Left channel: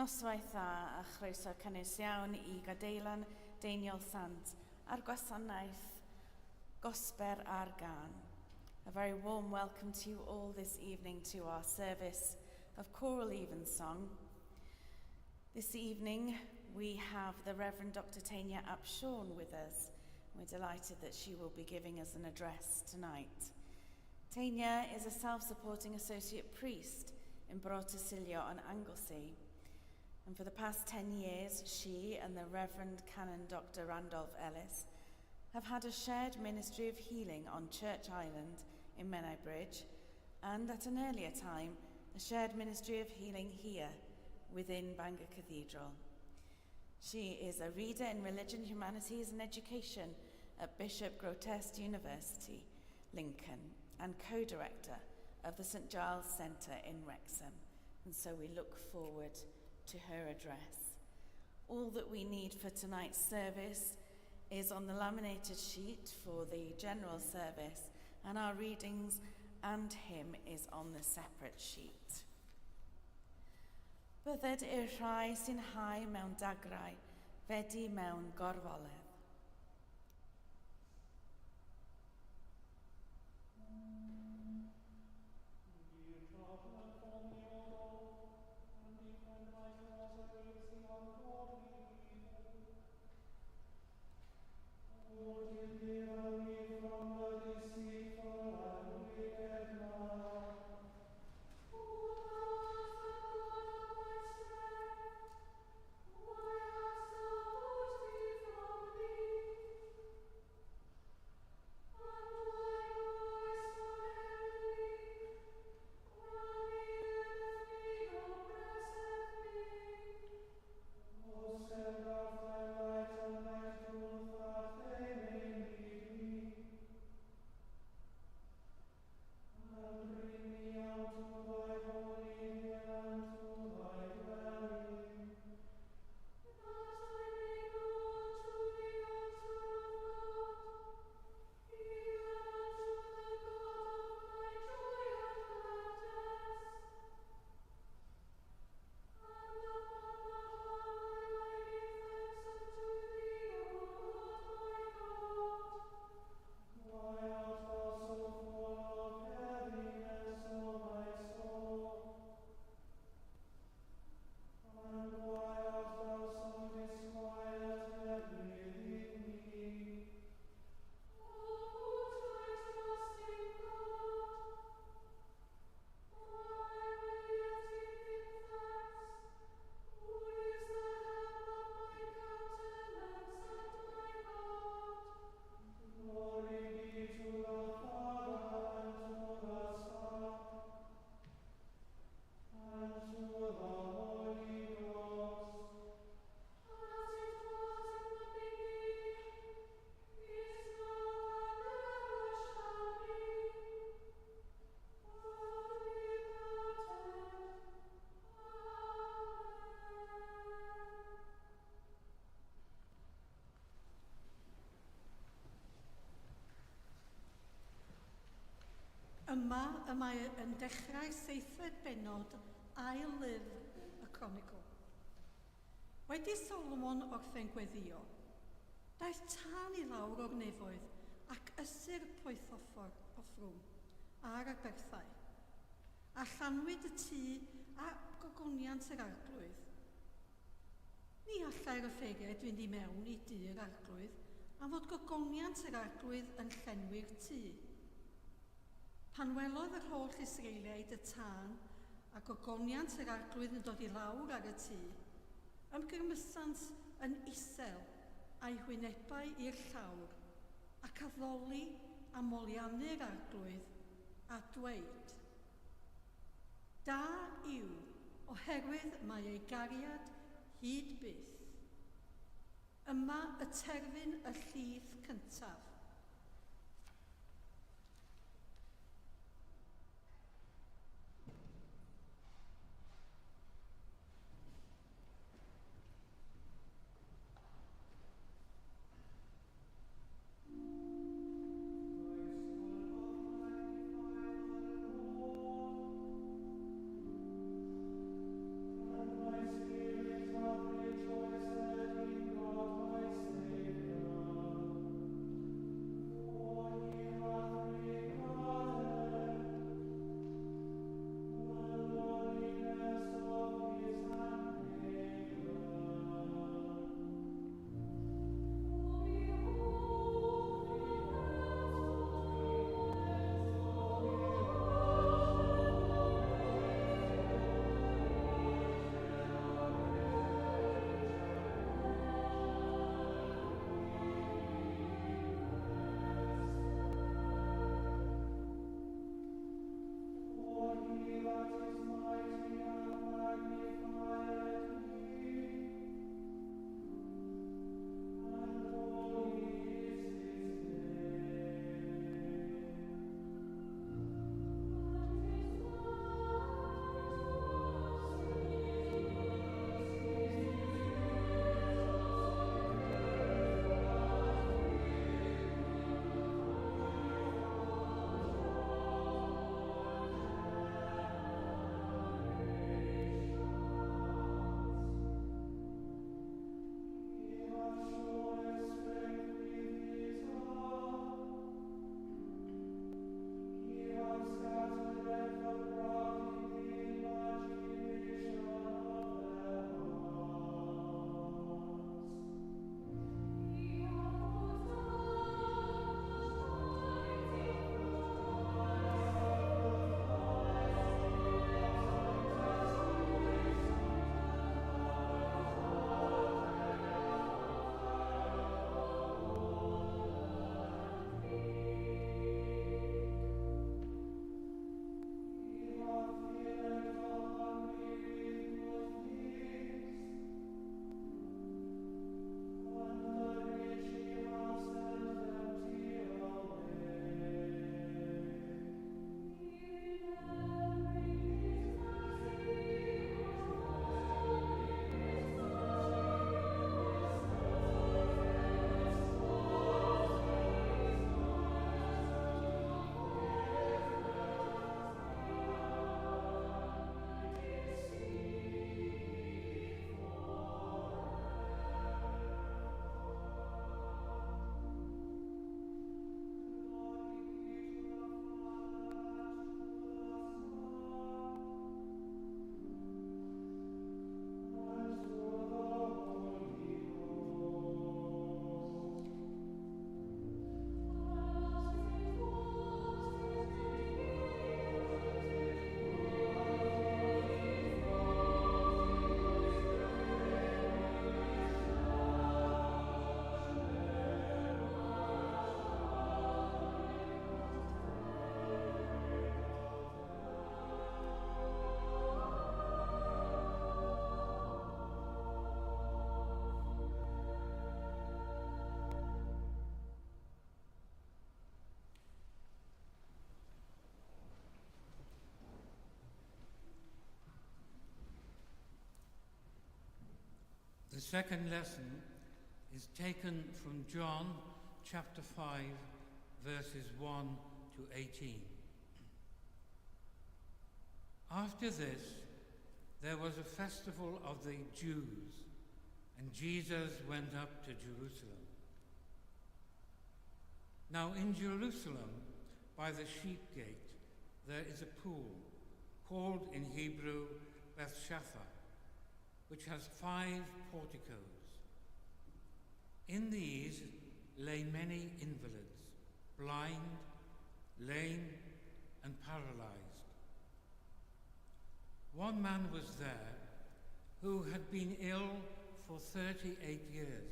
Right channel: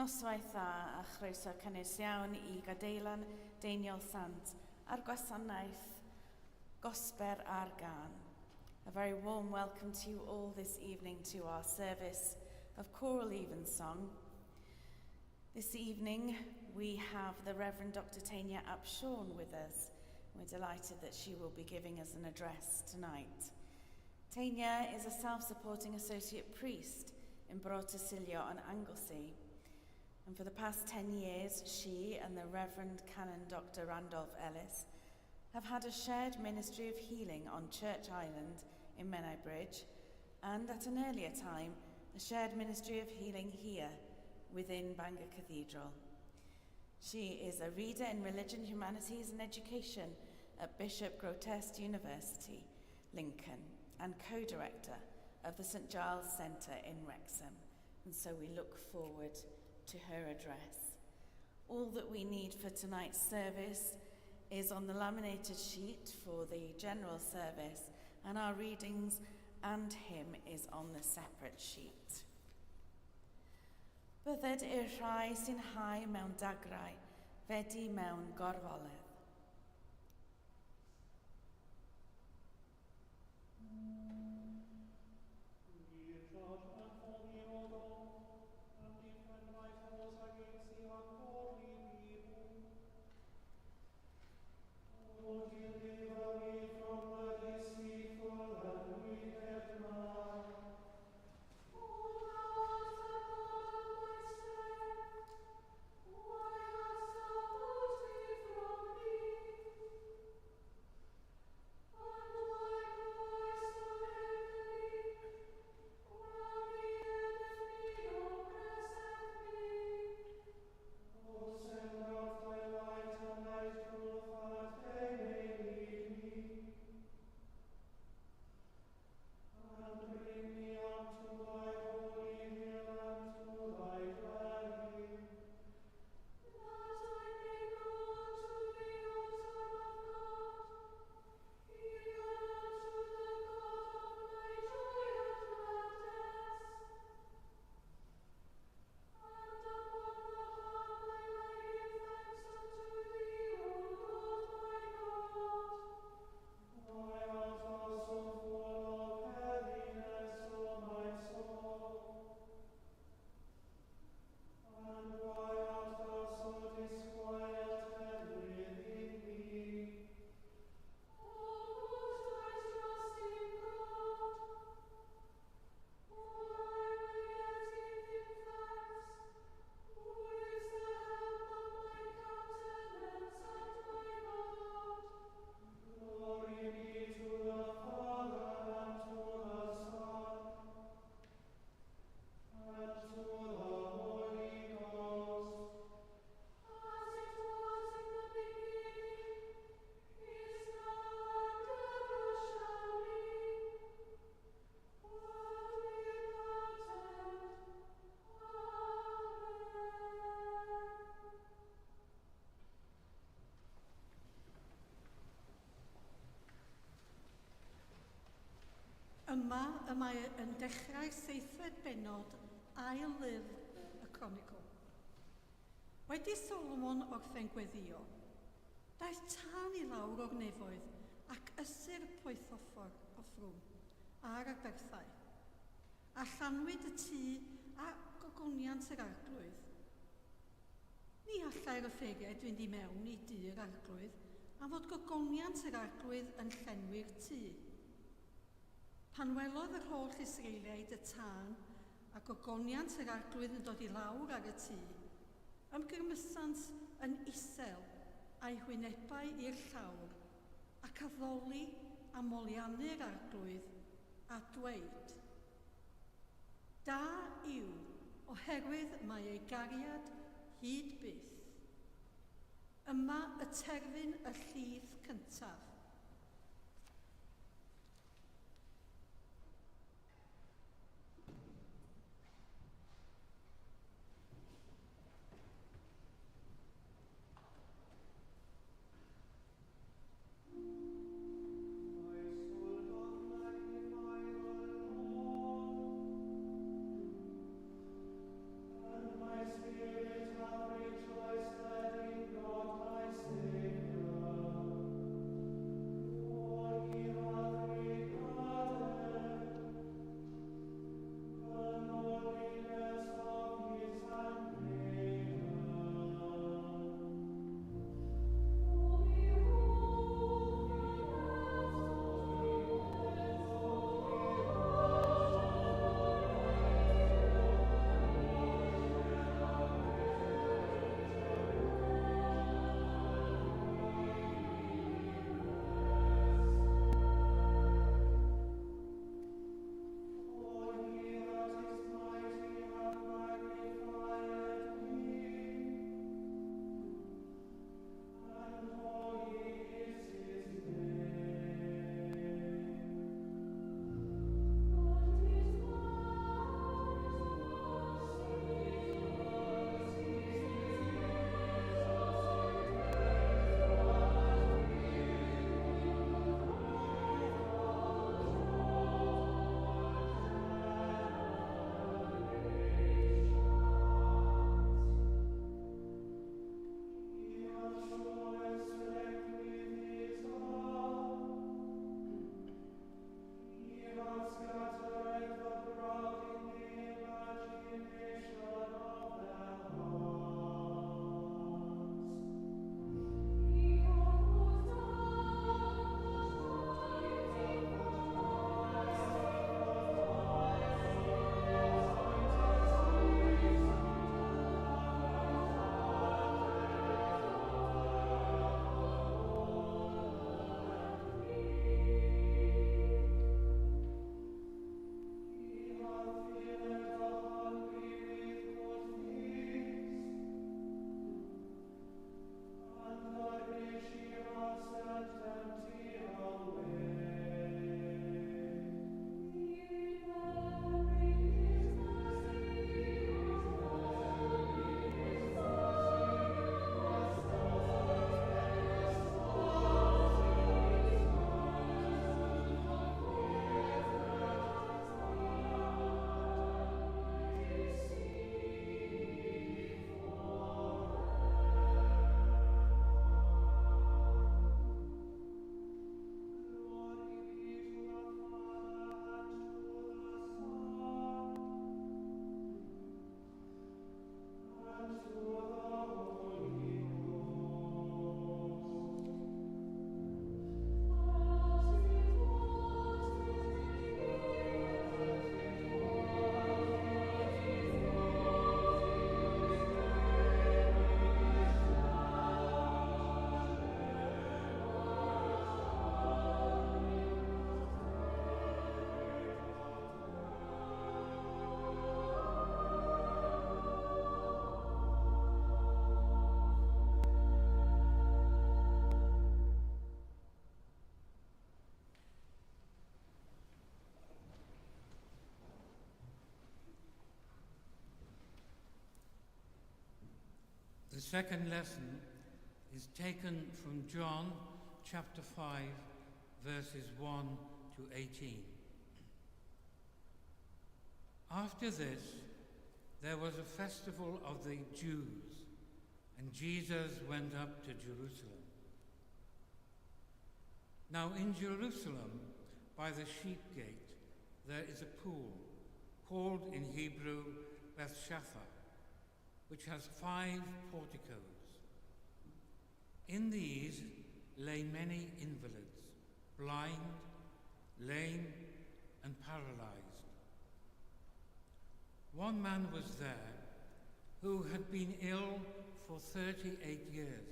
Noswaith dda a chroeso cynnes iawn I gadeilan Deiniol Sant a'r gwasanaeth Gosber a'r Gân. A very warm welcome to you all this evening to our service of Choral Evensong. This evening we have the Reverend Dr. Tanya Upshawn with us. We're delighted that she will be giving us an address tonight. Tanya is a self-supporting associate priest in Brotosylio on Anglesey. And for the past 10 years, she and the Reverend Canon Dr. Randolph Ellis have had a shared ministry of healing on Church Island in Menai Bridge, and at an earlier time, a shared ministry of healing here within Bangor Cathedral. She is a reader in Religion, Humanities and Education at Bishop Grotest University, Lincoln, and co-director of the St Giles Centre in Wrexham. And so we look forward to her address. All that we need for tonight's service is on the laminated sheet for the general service, and our readings and hymn is on the separate sheet. Bydded i'r rhai sy'n hau mewn dagrau, fedi mewn gorfoledd. Yma y mae yn dechrau seithfed benod ail lyfr y Chronicle. Wedi Solomon orffen gweddio, daeth tân I lawr o'r nefoedd ac ysir poethoffor o ffrwm ar Aberthau. A llanwyd y tŷ a gogoniant yr arglwydd. Ni allai'r offeriad fynd I mewn I dŷ'r arglwydd am fod gogoniant yr arglwydd yn llenwi'r tŷ. Pan welodd yr holl Israeliaid y tân a gogoniant yr arglwydd yn dod I lawr ar y tŷ, ymgyrmysant yn isel a'i hwynebau i'r llawr ac addoli a moliannu'r arglwydd a dweud, Da yw oherwydd mae ei gariad hyd byth. Yma y terfyn y llif cyntaf. Spirit. second lesson is taken from John chapter 5, verses 1 to 18. After this, there was a festival of the Jews, and Jesus went up to Jerusalem. Now in Jerusalem, by the sheep gate, there is a pool, called in Hebrew Bethshatha, which has 5 porticos. In these lay many invalids, blind, lame, and paralyzed. One man was there who had been ill for 38 years.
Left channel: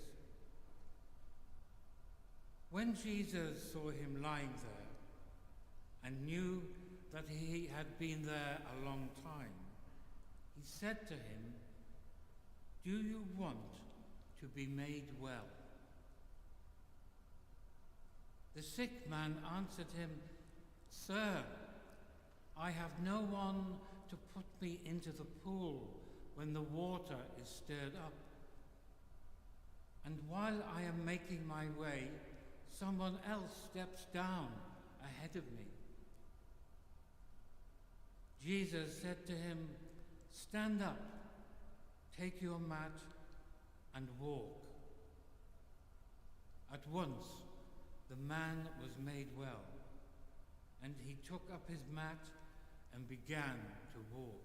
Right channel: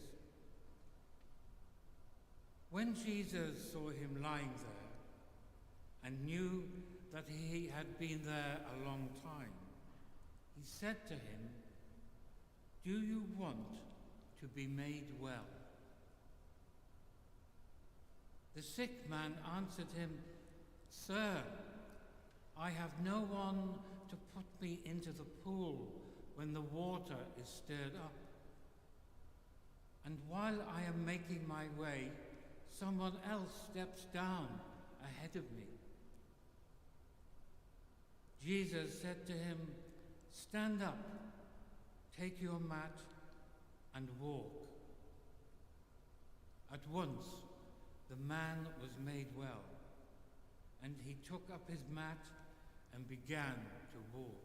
When Jesus saw him lying there and knew that he had been there a long time, he said to him, "Do you want to be made well?" The sick man answered him, "Sir, I have no one to put me into the pool when the water is stirred up. And while I am making my way, someone else steps down ahead of me." Jesus said to him, "Stand up, take your mat, and walk." At once the man was made well, and he took up his mat and began to walk.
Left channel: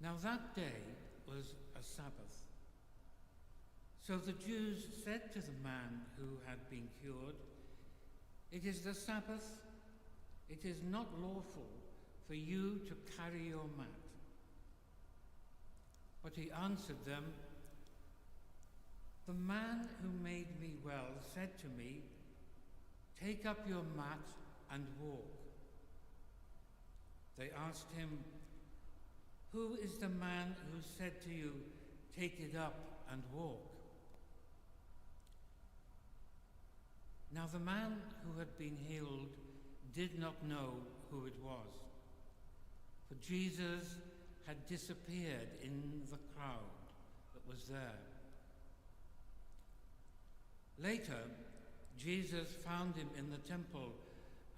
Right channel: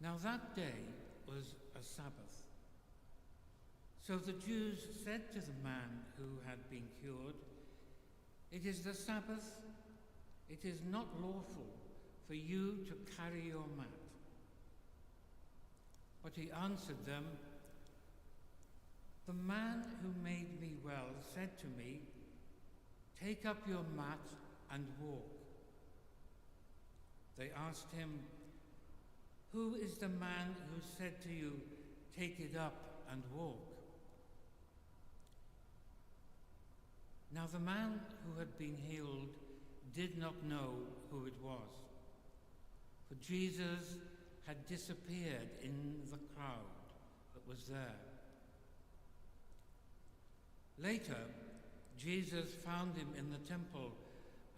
Now that day was a Sabbath. So the Jews said to the man who had been cured, "It is the Sabbath. It is not lawful for you to carry your mat." But he answered them, "The man who made me well said to me, 'Take up your mat and walk.'" They asked him, "Who is the man who said to you, 'Take it up and walk'?" Now the man who had been healed did not know who it was, for Jesus had disappeared in the crowd that was there. Later, Jesus found him in the temple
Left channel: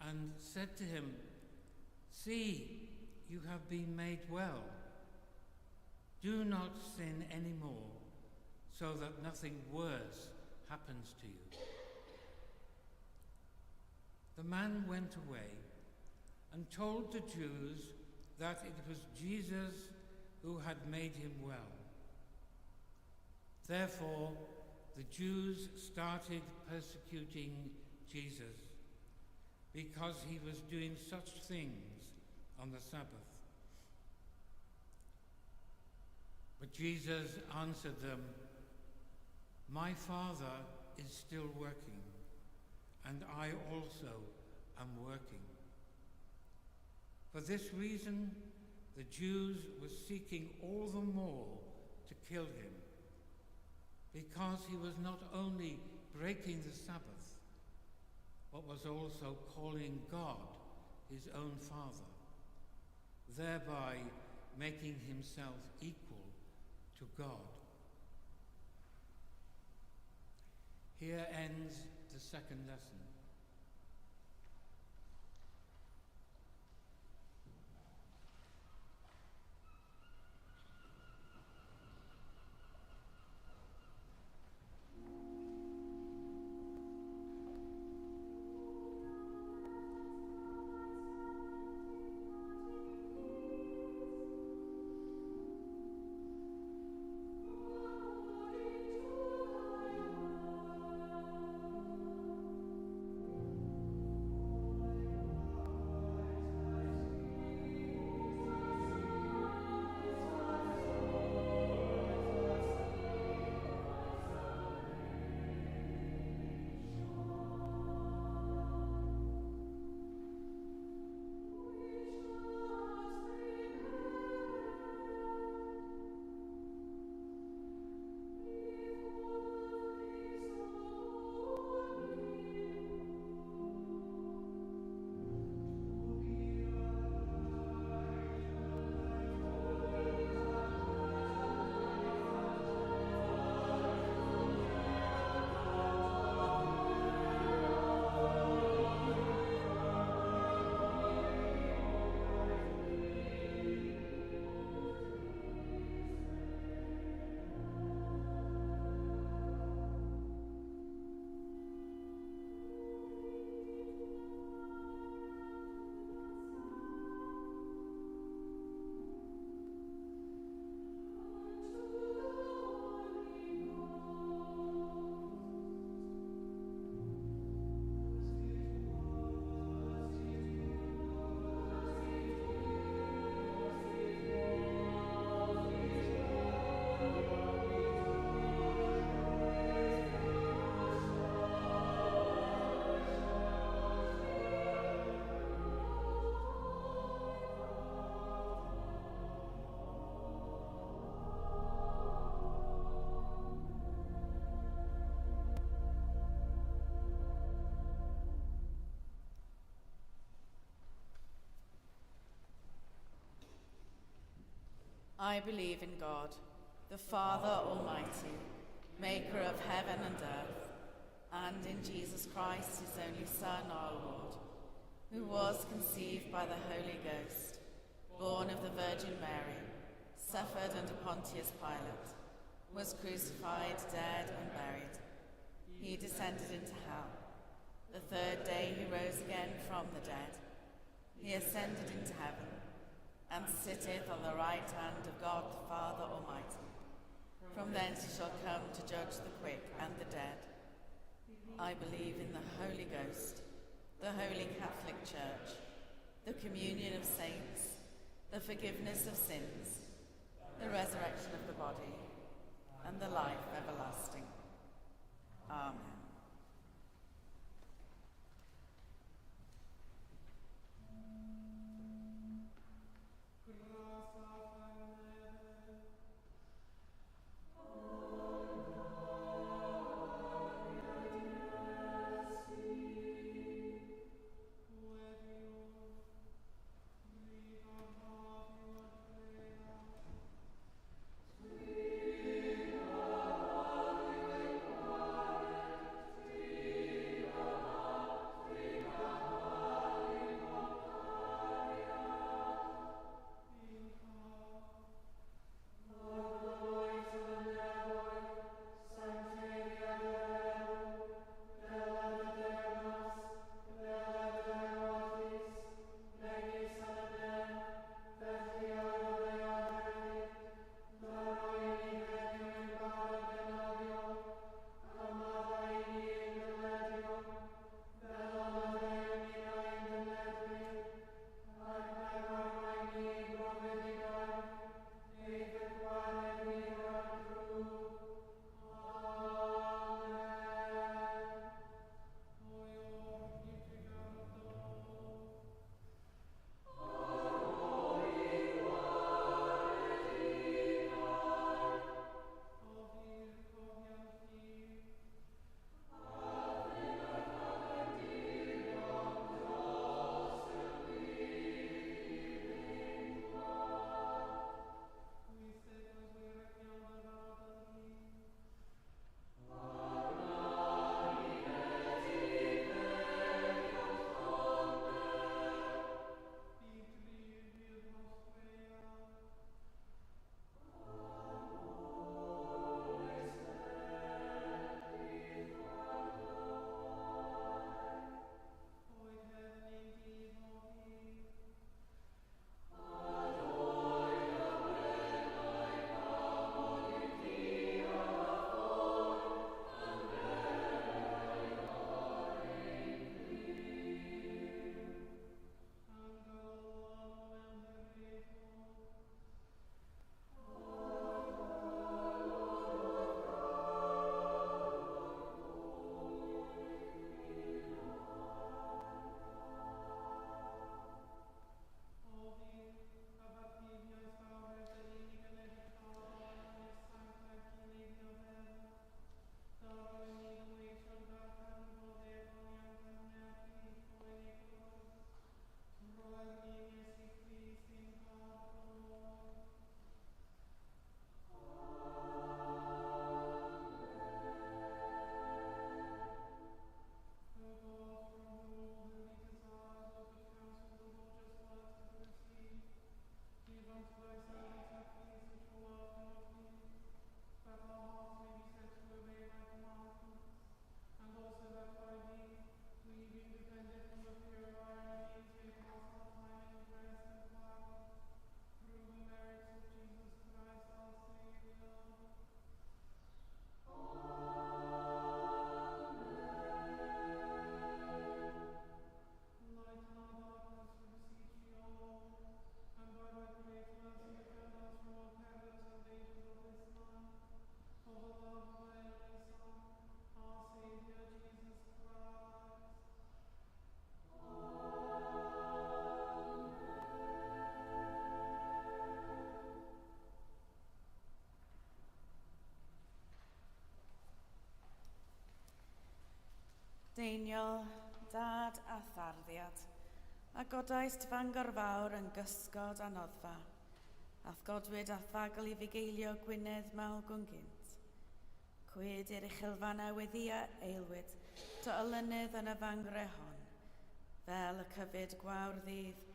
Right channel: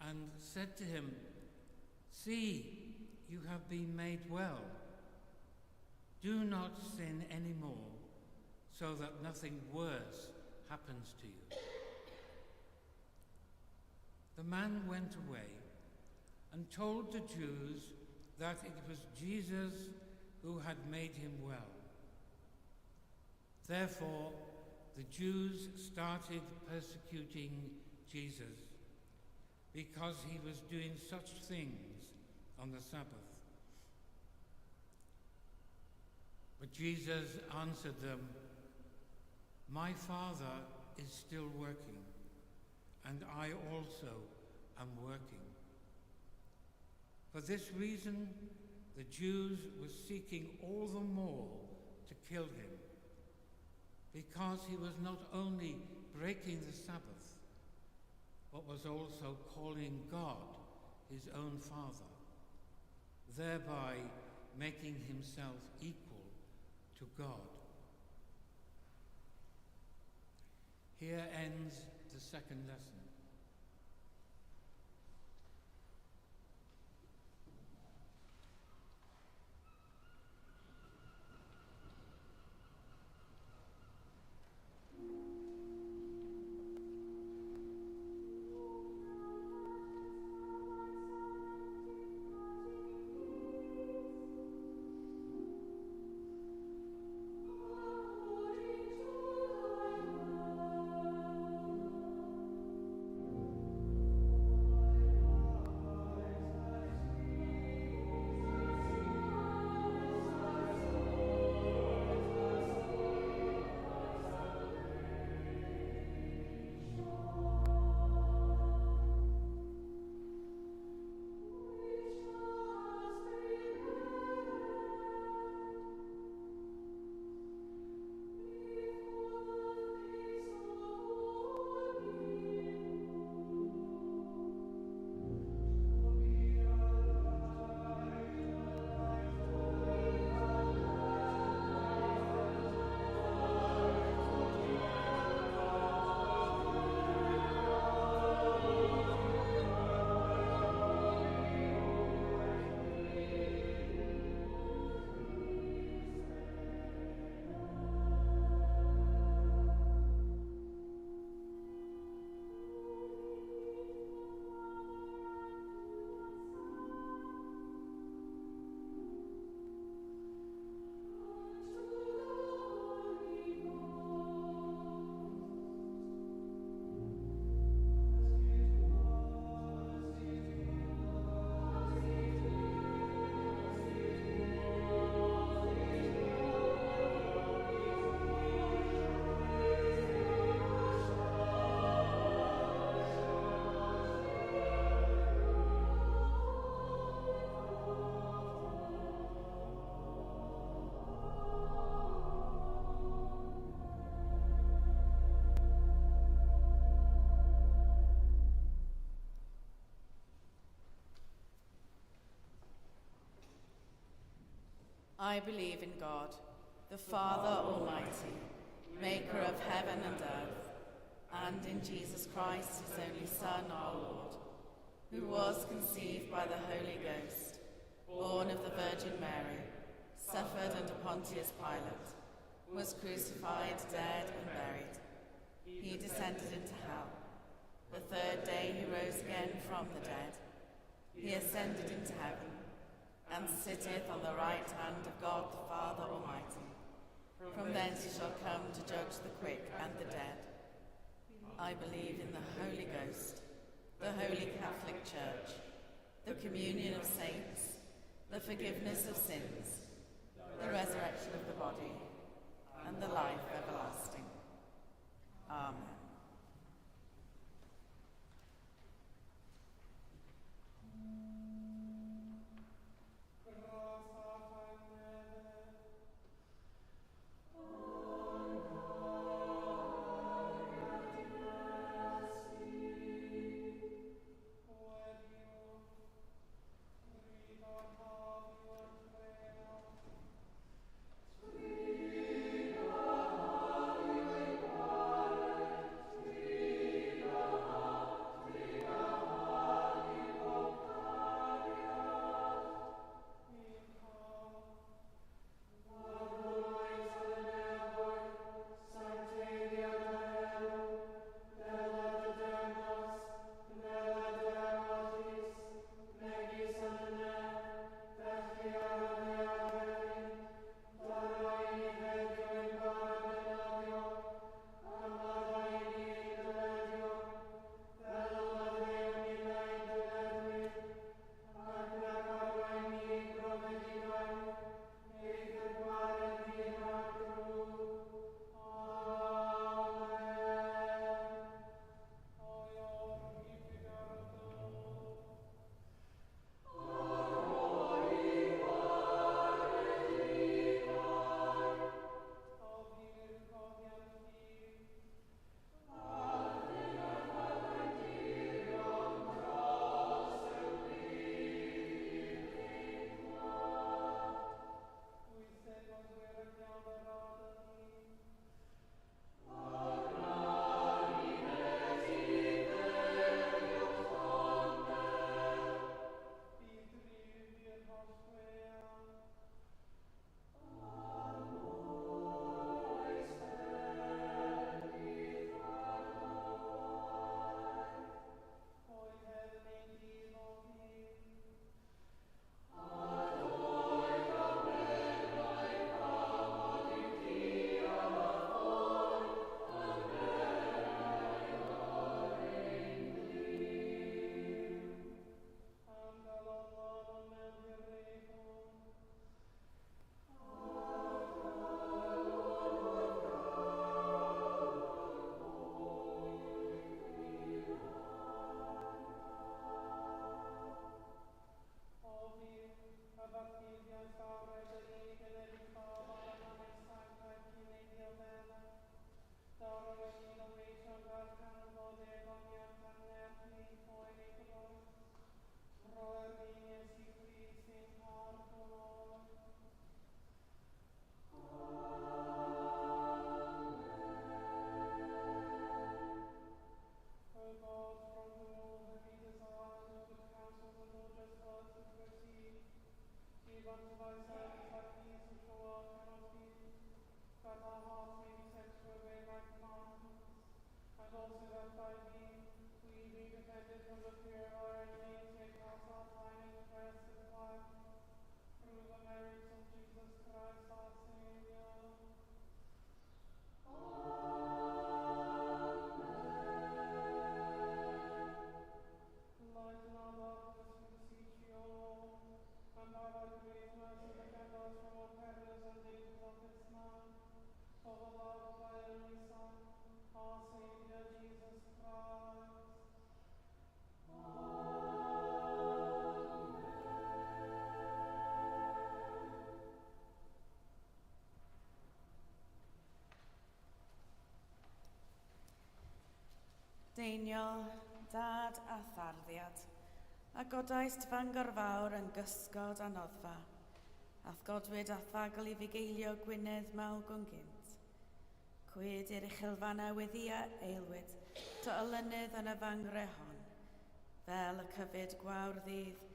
and said to him, "See, you have been made well. Do not sin anymore, so that nothing worse happens to you." The man went away and told the Jews that it was Jesus who had made him well. Therefore, the Jews started persecuting Jesus because he was doing such things on the Sabbath. But Jesus answered them, "My Father is still working, and I also am working." For this reason, the Jews were seeking all the more to kill him, because he was not only breaking the Sabbath, but was also calling God his own Father, thereby making himself equal to God. Here ends the second lesson. I believe in God, the Father Almighty, maker of heaven and earth, and in Jesus Christ, his only Son, our Lord, who was conceived by the Holy Ghost, born of the Virgin Mary, suffered under Pontius Pilate, was crucified, dead, and buried. He descended into hell. The third day he rose again from the dead. He ascended into heaven, and sitteth on the right hand of God the Father Almighty. From thence he shall come to judge the quick and the dead. I believe in the Holy Ghost, the Holy Catholic Church, the communion of saints, the forgiveness of sins, the resurrection of the body, and the life everlasting. Amen. Deiniol, dad a tharddiad, a godaist Fangor Fawr yn gysgod a noddfa, Ath godwyd ath fagl I fugeilio Gwynedd mal gwnghynt. Cwyd i'r uchelfanna weddia eilwyd, to olynydd yn y fangre hon. Fel y cyfyd gwawr ddydd,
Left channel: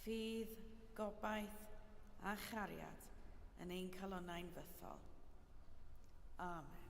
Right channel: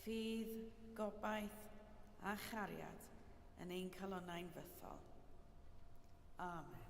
ffydd, gobaith a chariad yn ein calonnau'n fythol. Amen.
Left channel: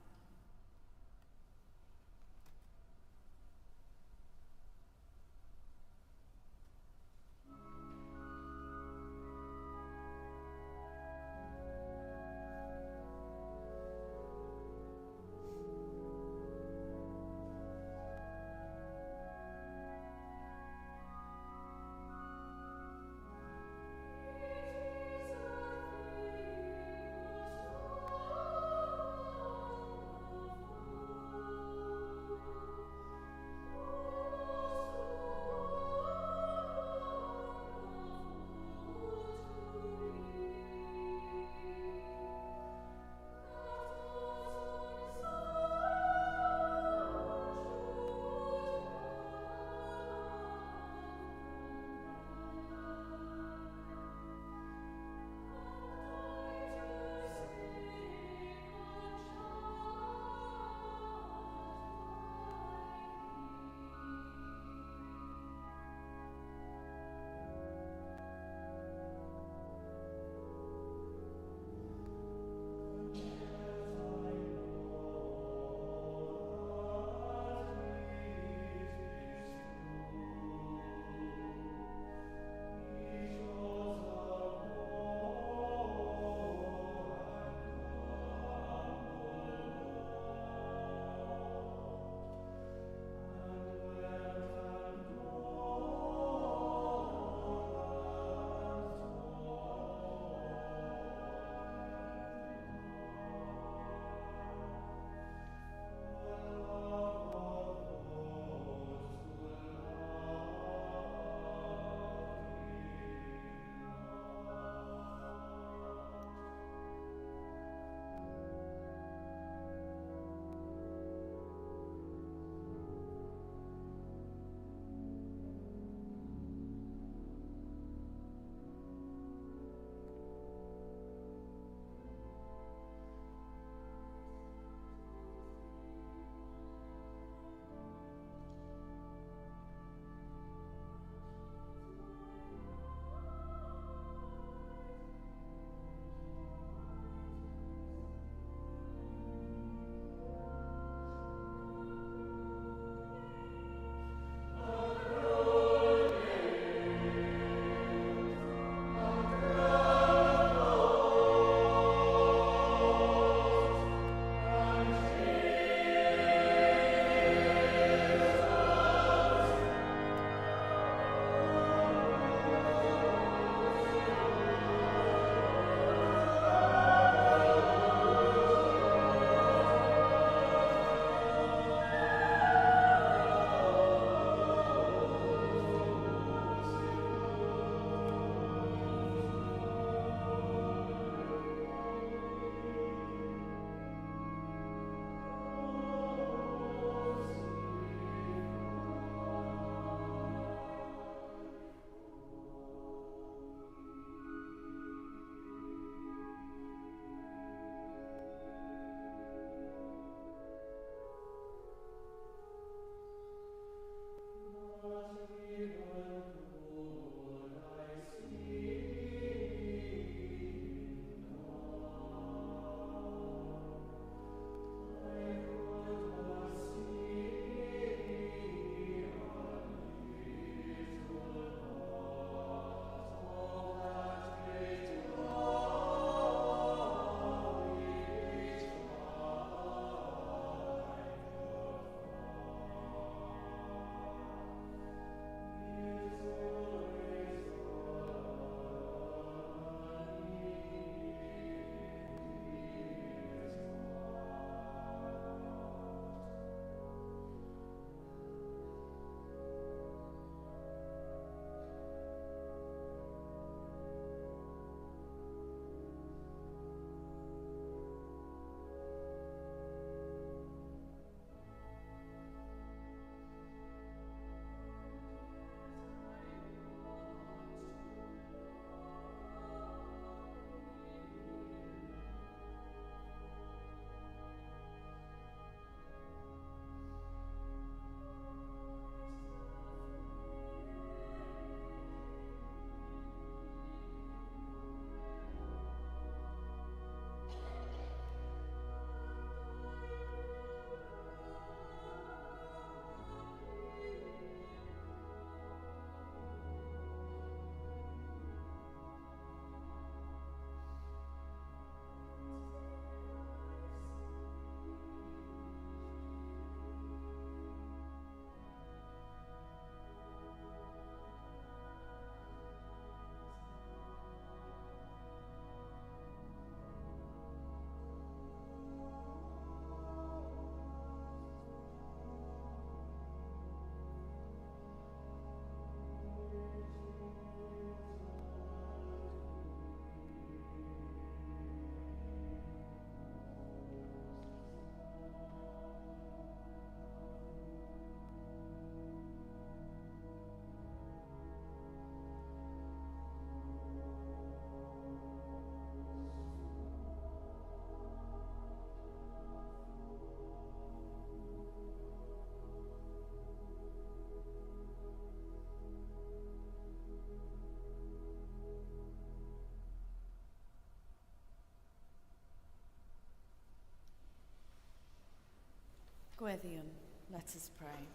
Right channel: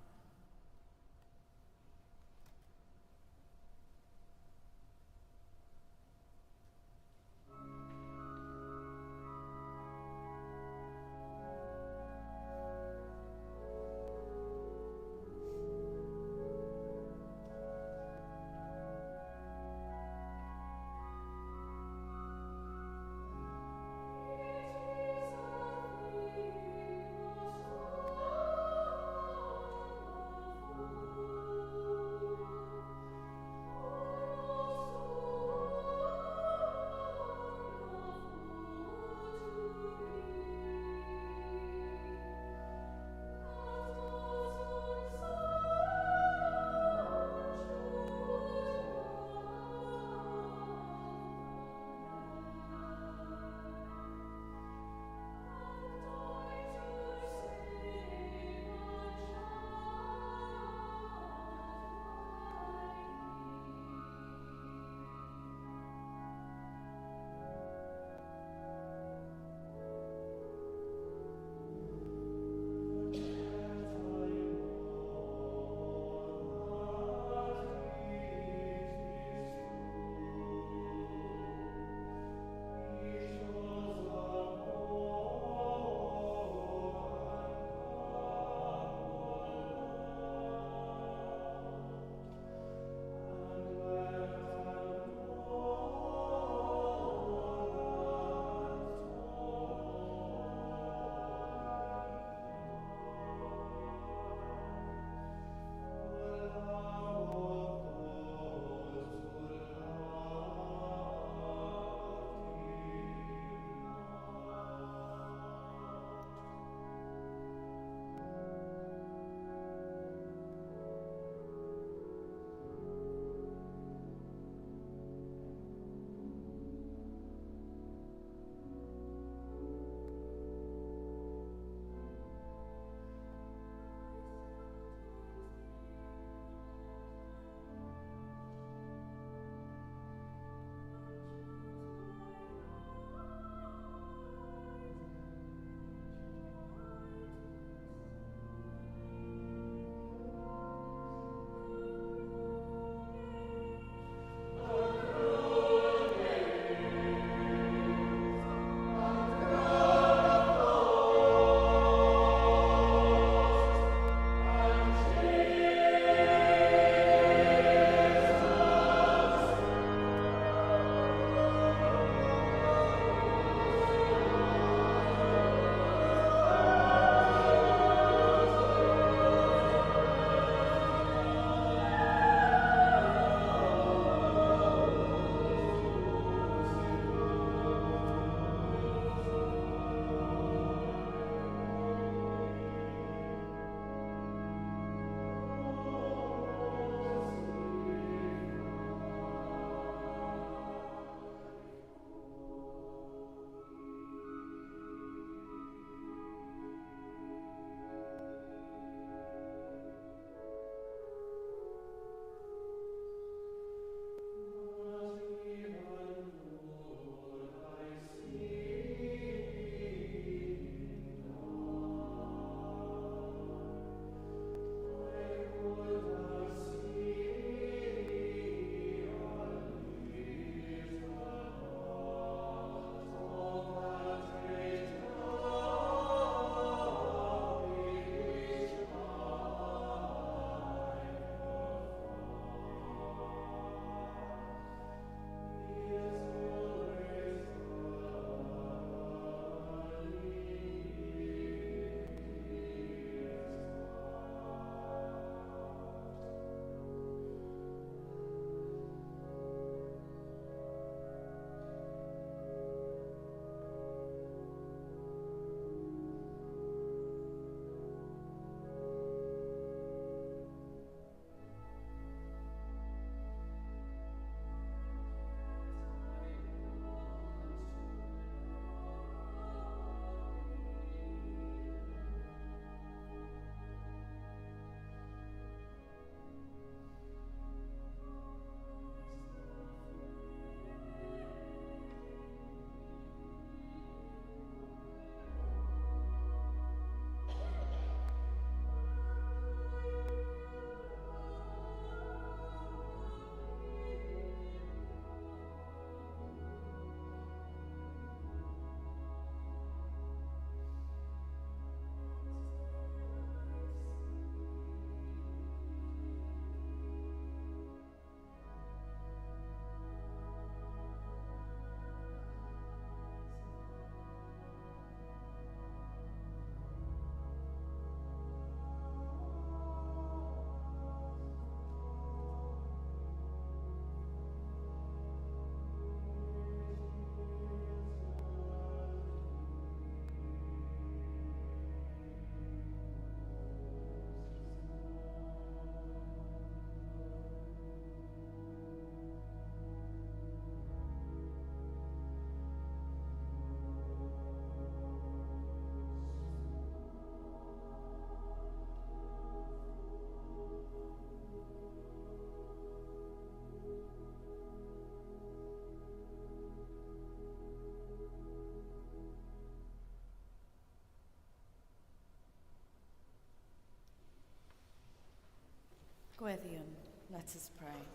Gweddiwn, let us pray.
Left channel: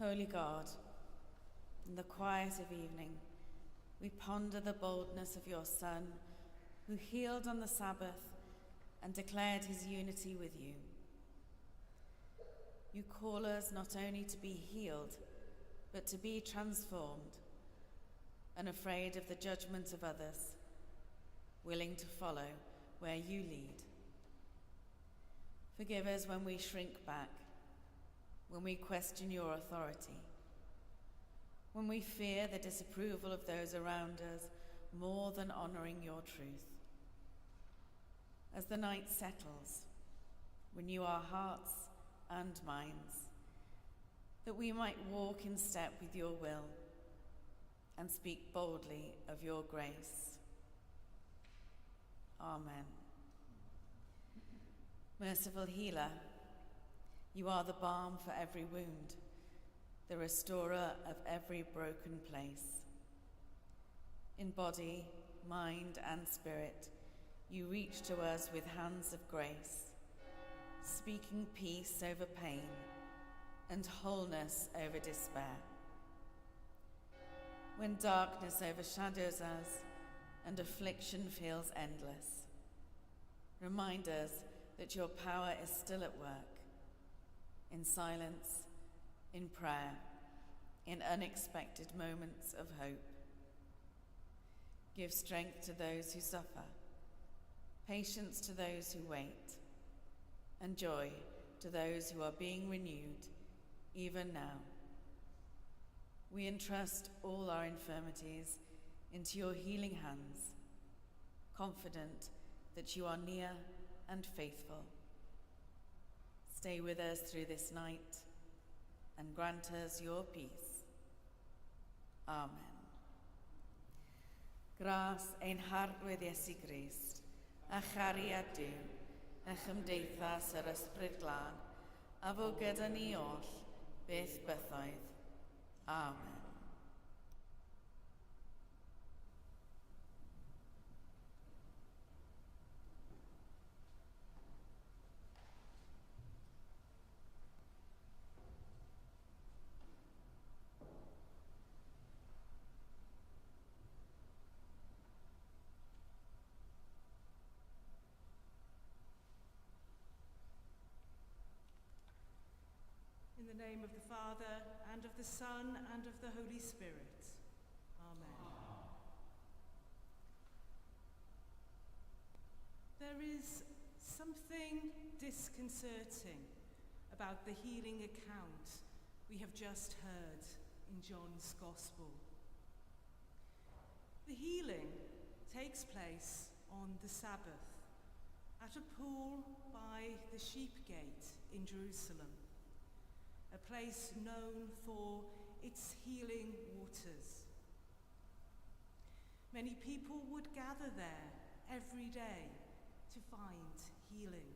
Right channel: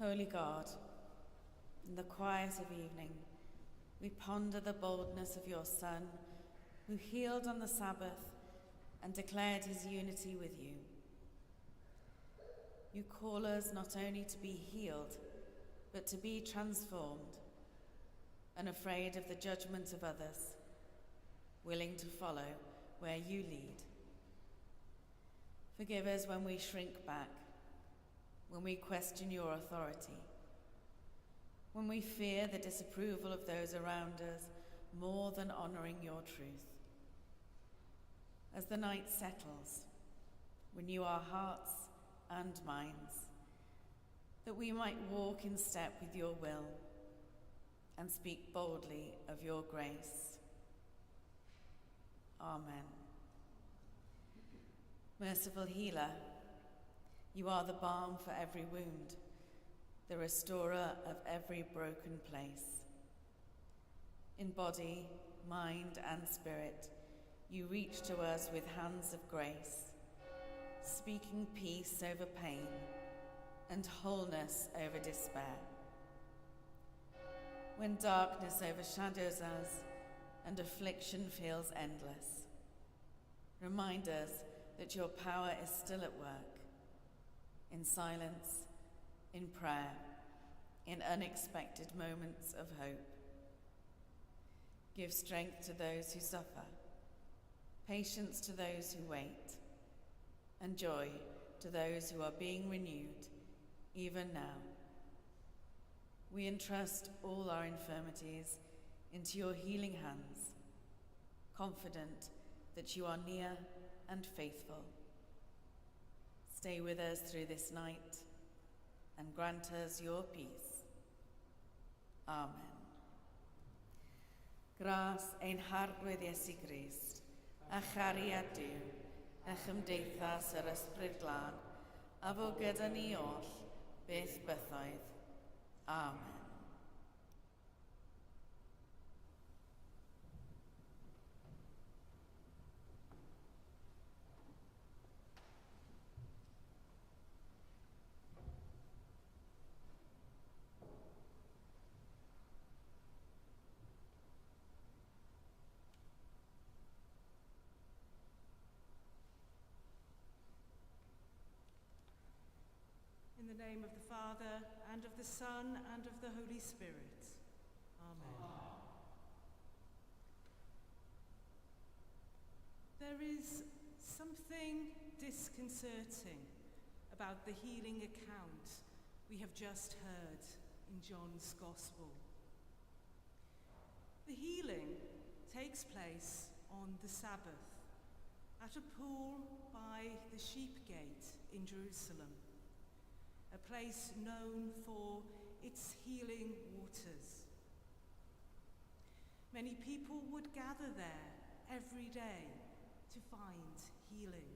Holy God, in the quiet of evening, we ponder the boldness of your Son, who healed on the Sabbath and declared his unity with you. You call us not only to be healed, but to be transformed, unafraid of the judgment of others, willing to follow where you lead. Forgive us when we shrink back, when we question your authority, when we fear the disapproval of those around us more than honouring your truth. As the night settles, renew our hearts and minds, that we might walk in step with your will and speak boldly of your grace. Amen. Merciful healer, you are the balm for every wound, the restorer of every broken place. In body, mind, and spirit, you reach to us with hands of grace, speaking peace over pain and wholeness over despair. When darkness overshadows us and affliction feels endless, remind us that your power is still at work, in silence, in prayer, in unexpected moments of hope. Give strength to those who suffer, patience to those who wait, and joy to those who are being renewed, even now. We entrust all our infirmities into your healing hands, confident that you are near and faithful. Stay with us through this night and grant us your peace. Amen. Gras ein harwydd Iesu Grist, a chariad Duw, a chymdeithas yr Ysbryd Glân, a fo gyda ni oll, beth bythoedd. Amen. In the name of the Father, and of the Son, and of the Holy Spirit. Amen. There is something disconcerting about the healing account we have just heard in John's Gospel. The healing takes place on the Sabbath at a pool by the Sheep Gate in Jerusalem, a place known for its healing waters. Many people would gather there every day to find healing.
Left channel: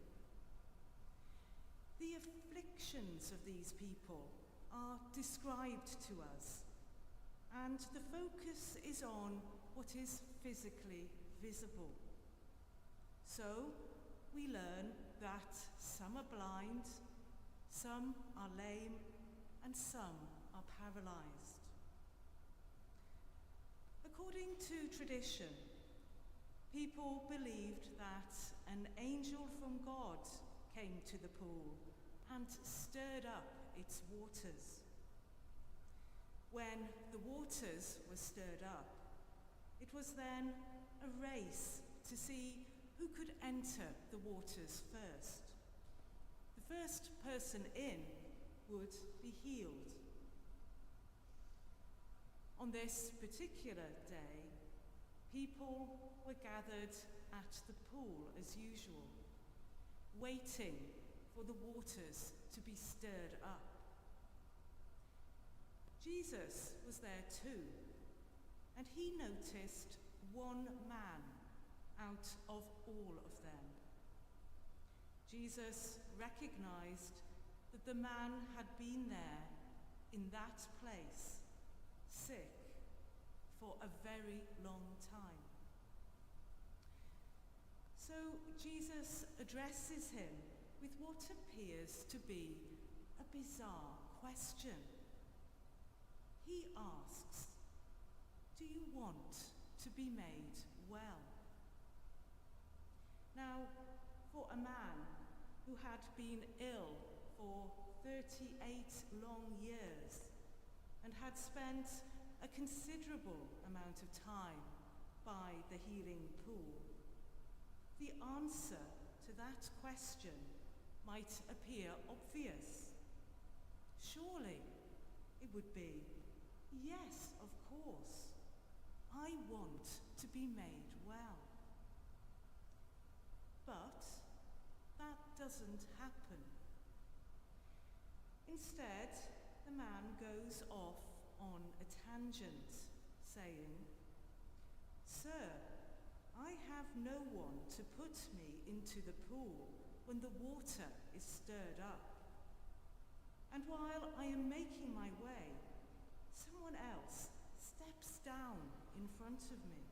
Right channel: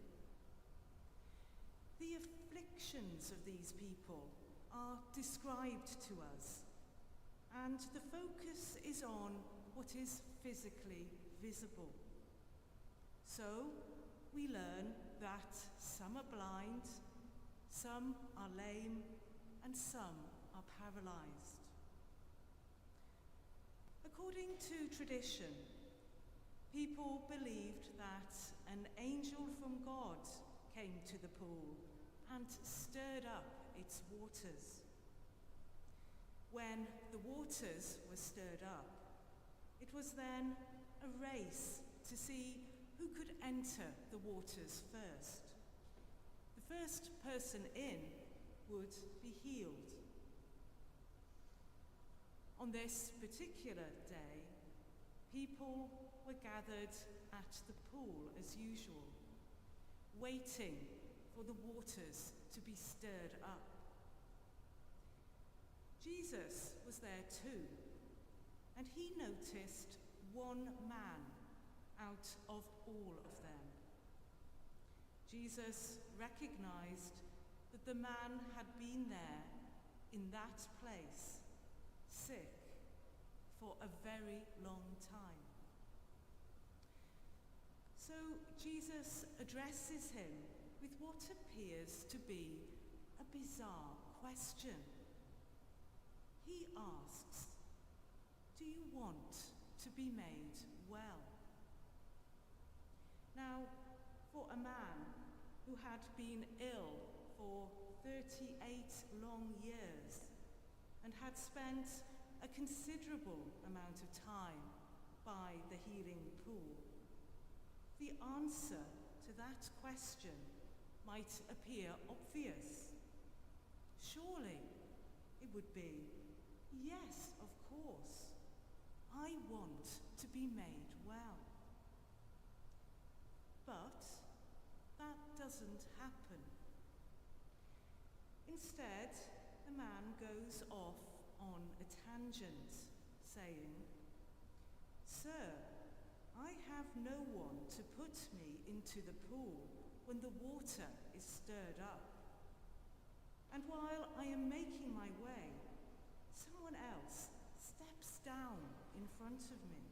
The afflictions of these people are described to us, and the focus is on what is physically visible. So we learn that some are blind, some are lame, and some are paralyzed. According to tradition, people believed that an angel from God came to the pool and stirred up its waters. When the waters were stirred up, it was then a race to see who could enter the waters first. The first person in would be healed. On this particular day, people were gathered at the pool as usual, waiting for the waters to be stirred up. Jesus was there too, and he noticed one man out of all of them. Jesus recognized that the man had been there in that place, sick, for a very long time. So Jesus addresses him with what appears to be a bizarre question. He asks, "Do you want to be made well?" Now, for a man who had been ill for 38 long years and had spent a considerable amount of time by the healing pool, the answer to that question might appear obvious. Surely it would be, yes, of course, I want to be made well. But that doesn't happen. Instead, the man goes off on a tangent, saying, "Sir, I have no one to put me into the pool when the water is stirred up. And while I am making my way, someone else steps down in front of me."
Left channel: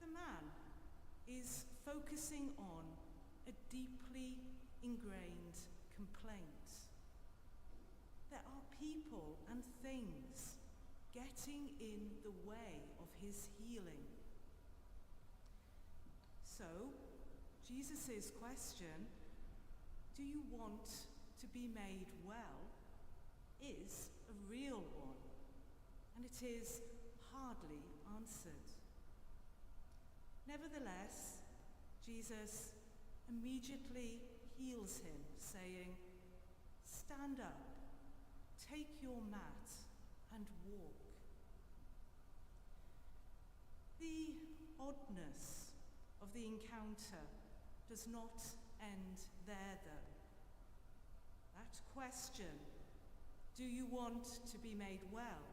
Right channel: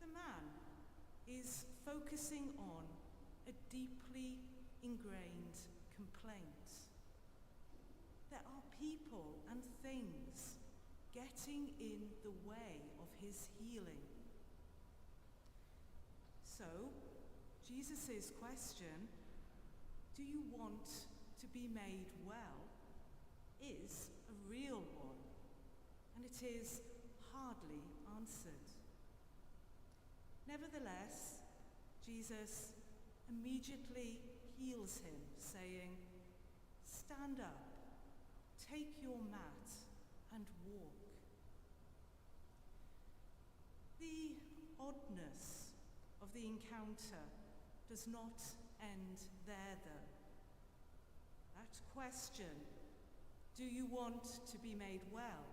The man is focusing on a deeply ingrained complaint. There are people and things getting in the way of his healing. So, Jesus' question, "Do you want to be made well?" is a real one, and it is hardly answered. Nevertheless, Jesus immediately heals him, saying, "Stand up, take your mat, and walk." The oddness of the encounter does not end there, though. That question, "Do you want to be made well?"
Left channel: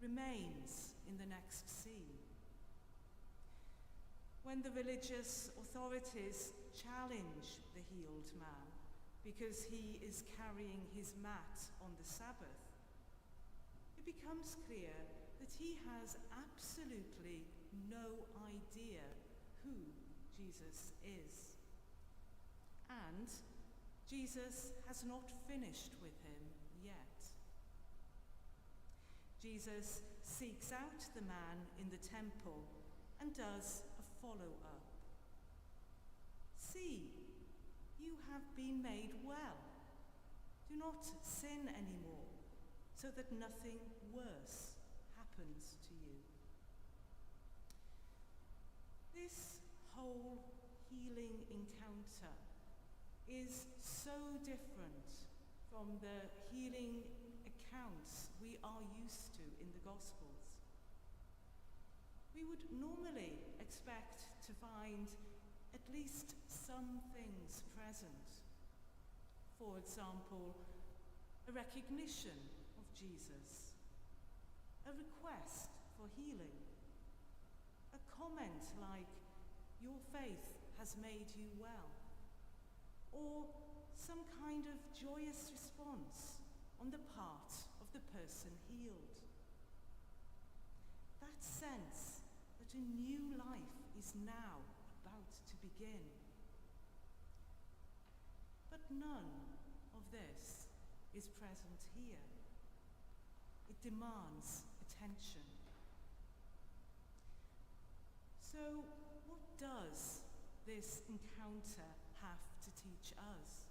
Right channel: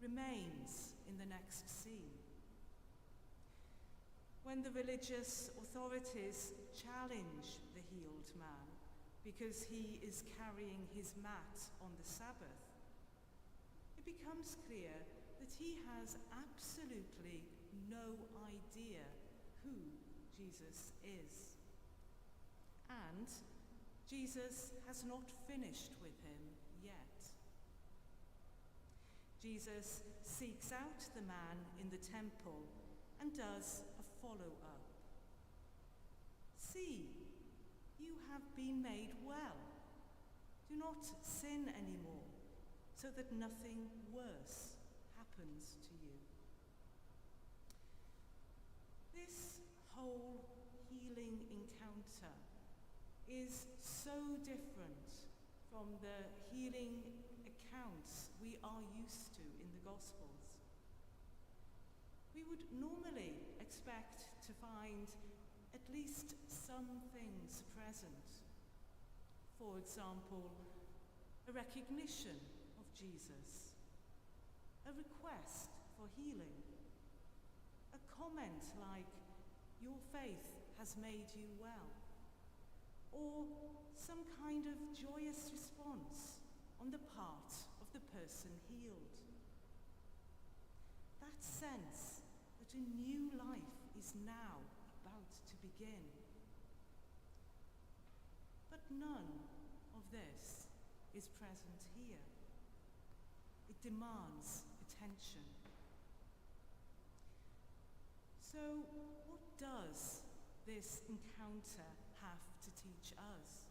remains in the next scene. When the religious authorities challenge the healed man because he is carrying his mat on the Sabbath, it becomes clear that he has absolutely no idea who Jesus is. And Jesus has not finished with him yet. Jesus seeks out the man in the temple and does a follow-up. "See, you have been made well. Do not sin anymore, so that nothing worse happens to you." This whole healing encounter is so different from the healing accounts we are used to in the Gospels. We would normally expect to find at least some things present. For example, a recognition of Jesus, a request for healing, a comment like, "Your faith has made you well," or some kind of joyous response on the part of the person healed. That sense that a new life is now about to begin. But none of this is present here. It demands attention. So, what does this encounter have to teach us?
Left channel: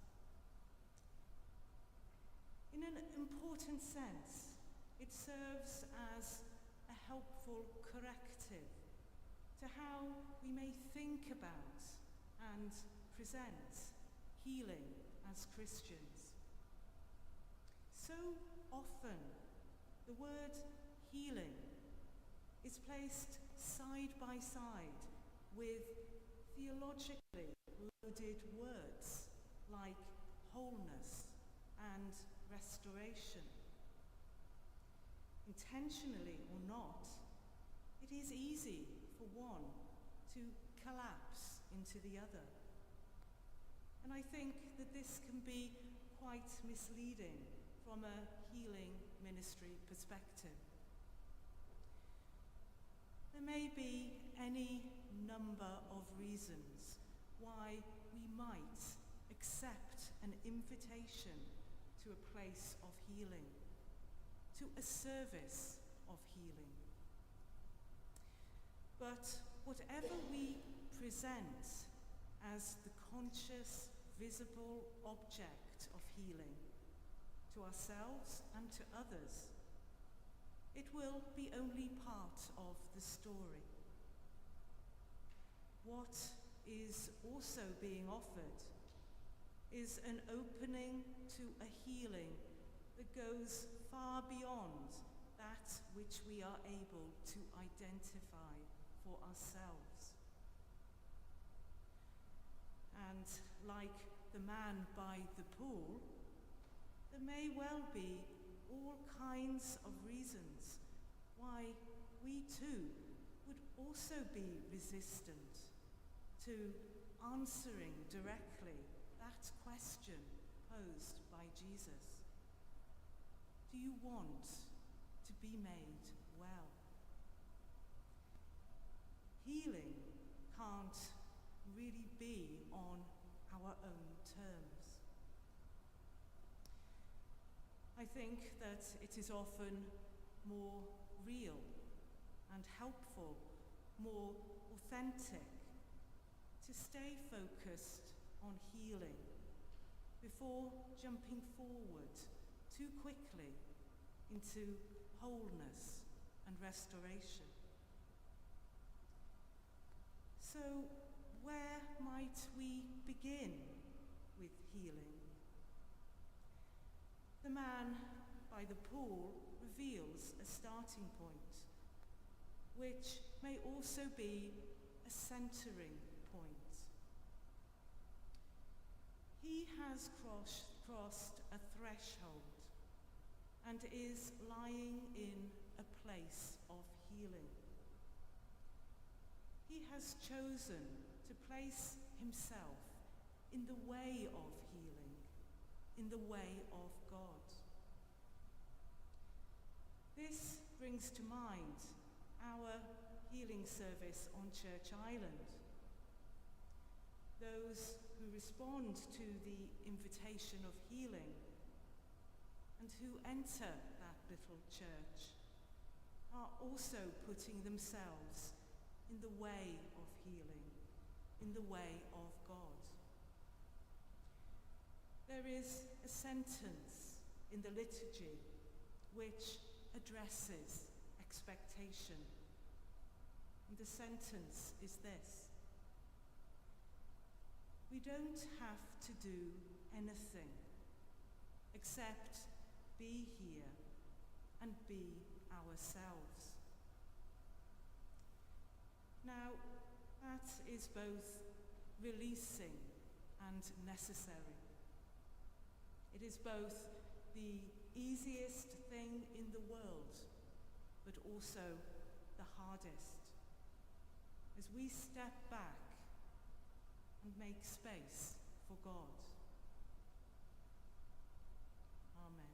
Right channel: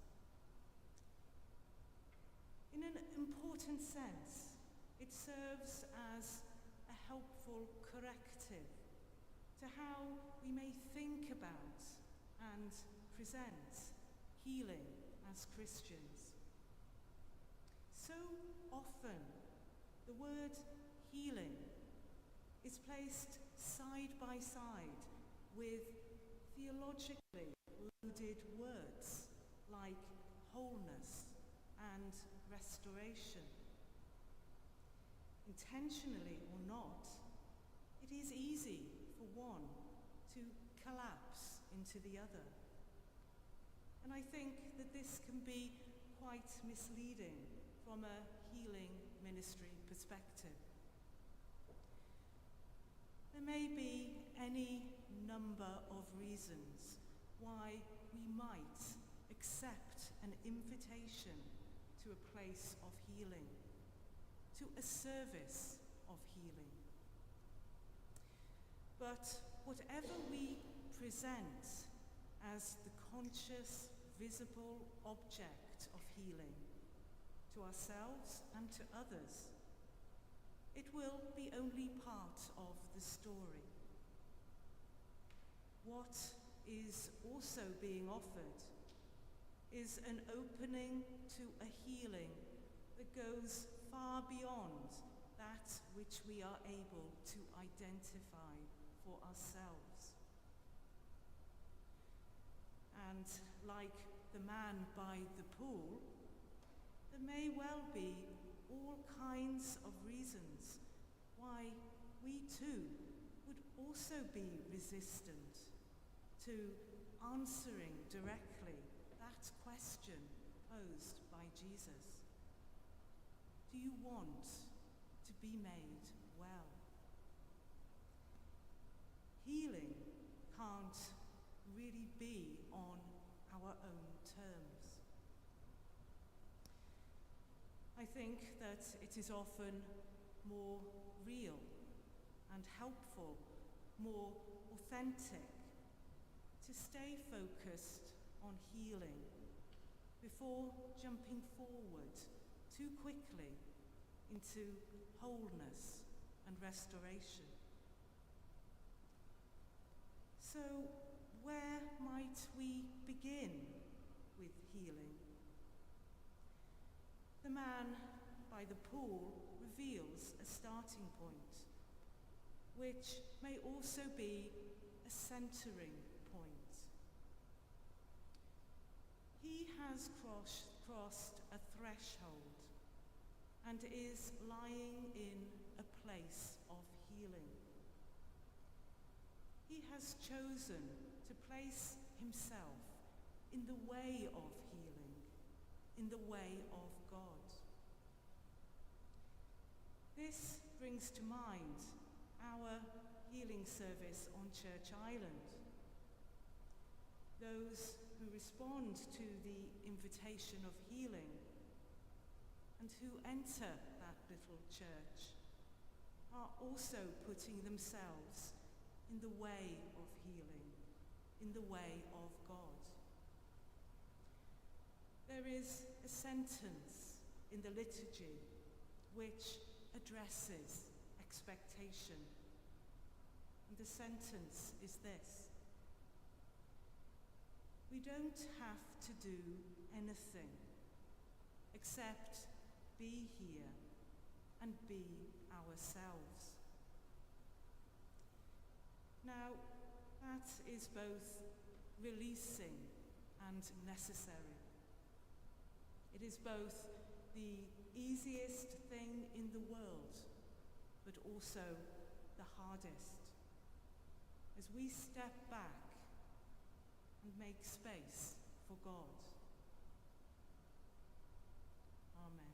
In an important sense, it serves as a helpful corrective to how we may think about and present healing as Christians. So often, the word healing is placed side by side with theologically loaded words like wholeness and restoration. Intentionally or not, it is easy for one to collapse into the other. And I think that this can be quite misleading from a healing ministry perspective. There may be any number of reasons why we might accept an invitation to a place of healing, to a service of healing. But whatever we present as the conscious, visible object of healing to ourselves and to others, it will be only part of the story. What is also being offered is an opening to a healing that goes far beyond that which we are able to identify for ourselves. And like the man by the pool, there may well be all kinds of reasons why we too would also be resistant to answering directly that question posed by Jesus. Do you want to be made well? Healing can't really be on our own terms. I think that it is often more real and helpful, more authentic, to stay focused on healing before jumping forward too quickly into wholeness and restoration. So, where might we begin with healing? The man by the pool reveals a starting point, which may also be a centering point. He has crossed a threshold and is lying in a place of healing. He has chosen to place himself in the way of healing, in the way of God. This brings to mind our healing service on Church Island. Those who respond to the invitation of healing and who enter that little church are also putting themselves in the way of healing, in the way of God. There is a sentence in the liturgy which addresses expectation. And the sentence is this: we don't have to do anything except be here and be ourselves. Now, that is both releasing and necessary. It is both the easiest thing in the world, but also the hardest, as we step back and make space for God. Amen.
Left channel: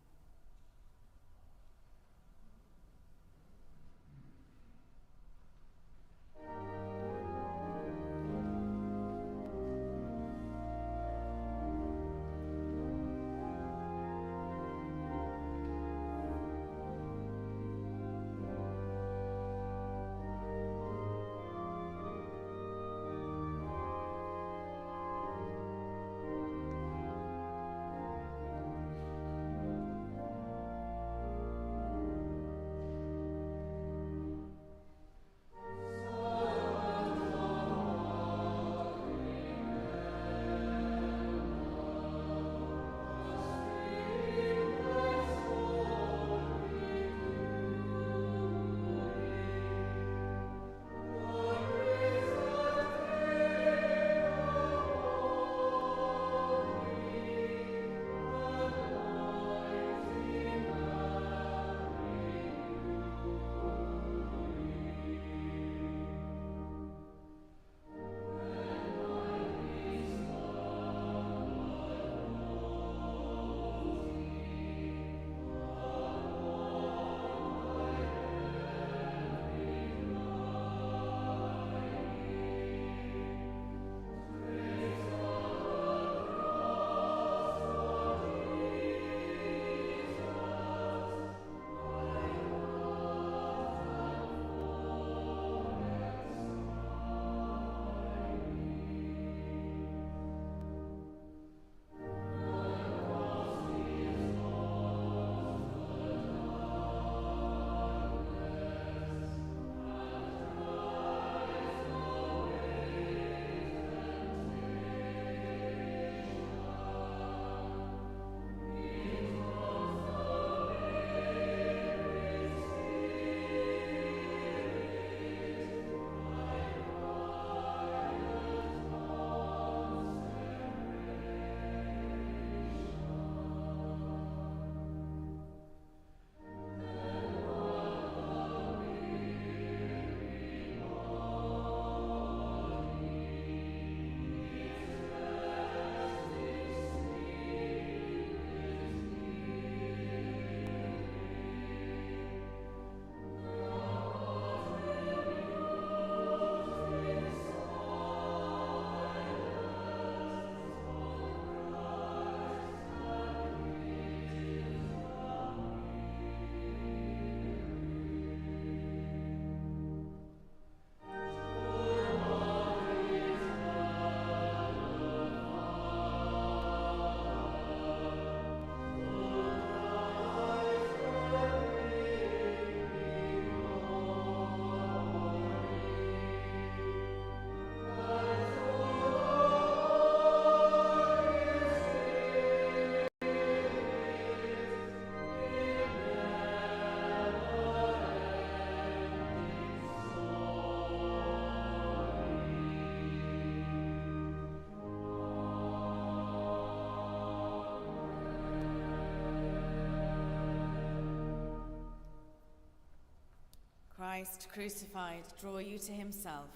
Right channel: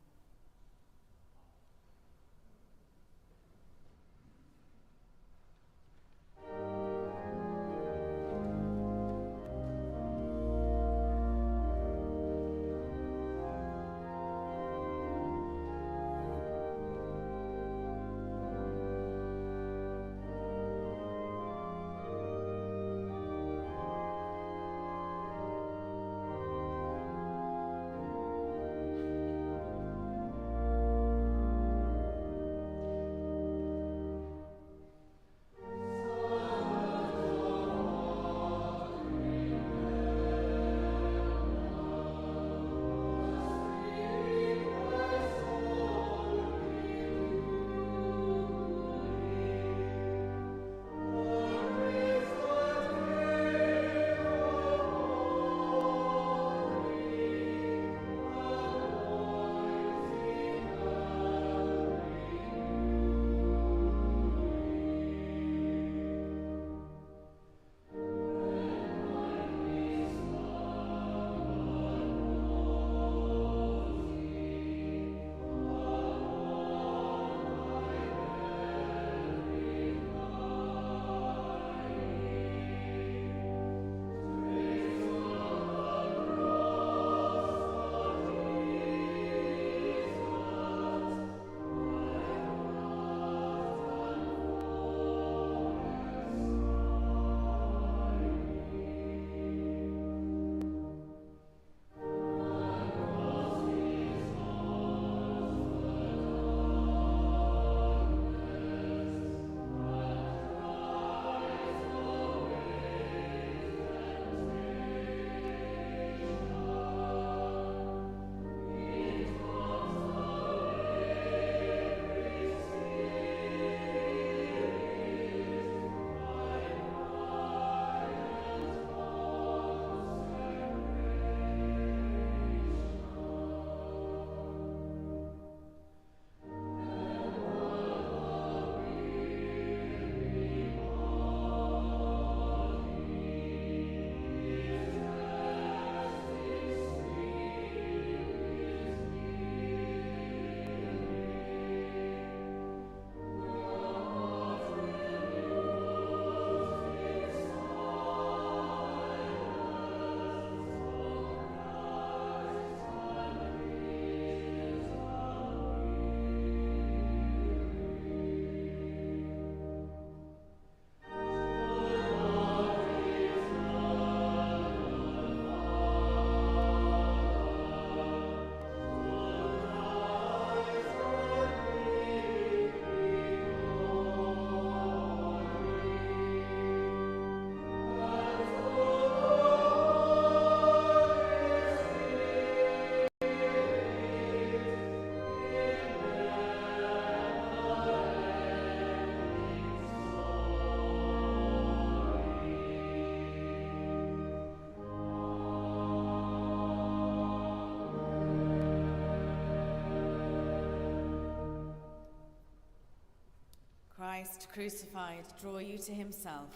Christ crucified draw you to himself,